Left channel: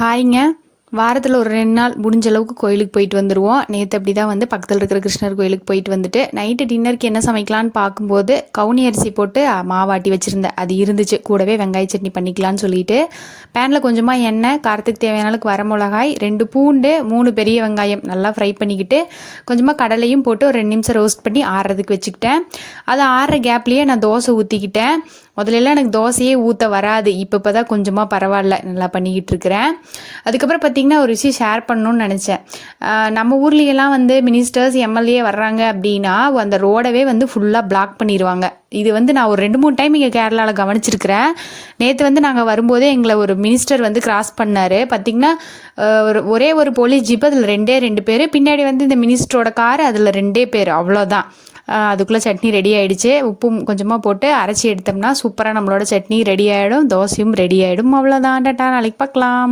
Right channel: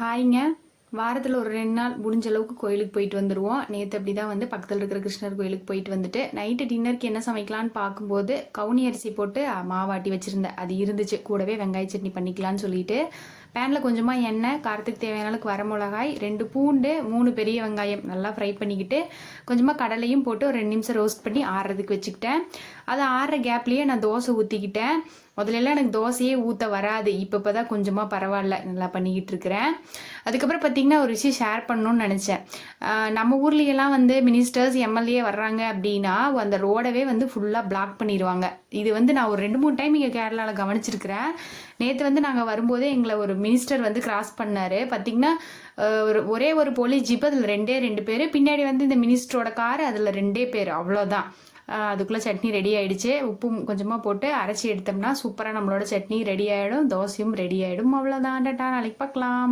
ஹாய்ங்க. வாரத்தில் ஒரு 2 நாள் முடிஞ்ச அளவுக்கு கோயிலுக்கு போயிட்டு வந்துடுவோம். நேற்று அப்படி தான் வந்து பக்கத்தில் இருக்கிற கிருஷ்ணர் கோயிலுக்கு போயிட்டு வந்துட்டு நைட்டு டின்னருக்கு என்ன சமைக்கலான்னு பார்க்கும்போது கவுனி அரிசி போட்டு மாவாட்டி வச்சுருந்தேன். அது இருந்துச்சு. கூடவே வெங்காய சட்னி பண்ணிக்கலான்னு சொல்லிட்டு பேனில் கொஞ்சமாக எண்ணெய், காரத்துக்கு தேவையான அளவுக்கு வரமிளகாய், 2 பூண்டு, 3 பெரிய வெங்காயம் நல்லா ஃப்ரை பண்ணிக்கிட்டு கொஞ்சமாக கடலையும் போட்டு ஒரு 2 நிமிஷம் ரோஸ்ட் பண்ணி ஆறுறதுக்கு வச்சுக்கிட்டேன். அது ஆறுற கேப்லேயே நான் தோசை ஊற்றிக்கிட்டேன். முதல்லலாம் எனக்கு தோசையே ஊற்ற வராது. இப்போ தான் கொஞ்சமாக பரவாயில்ல, நல்லா பண்ணிக்கிட்டு இருக்கிறேன். அதுக்கப்புறம் பார்த்திங்கன்னா ஒரு விஷயம் ஷேர் பண்ணணும்னு நினச்சேன். நம்ம ஊர்லேயெல்லாம் வந்து மினிஸ்டர்ஸ், எம்எல்ஏ வர்றாங்க அப்படின்னா அந்த ரோடவே வந்து ஃபுல்லாக பிளாக் பண்ணிடுவாங்க. இது வந்து நான் ஒரு 2-3 டைம் இங்கே கேரளாவில் கவனிச்சிருக்கிறேன். நேற்று வந்து நாங்கள் வரும்போதே எங்களை ஒரு மினிஸ்டர் வந்து கிராஸ் பண்ணார். பார்த்திங்கன்னா ஒரே ஒரு போலீஸ் ஜீப், அதில் 2 பேர், பின்னாடி வந்து இந்த மினிஸ்டரோட கார், அதில் 2 பேர், அவ்வளோதான். அதுக்குள்ளே சட்னி ரெடி ஆகிடுச்சு. உப்பும் கொஞ்சமாக போட்டு அரைச்சி எடுத்தோம்னா சூப்பராக நம்மளோட சட்னி ரெடி ஆகிடும், தோசையும் ரெடி ஆகிடும். அவ்வளோதான். டாட்டா, நாளைக்கு பார்க்கலாம்.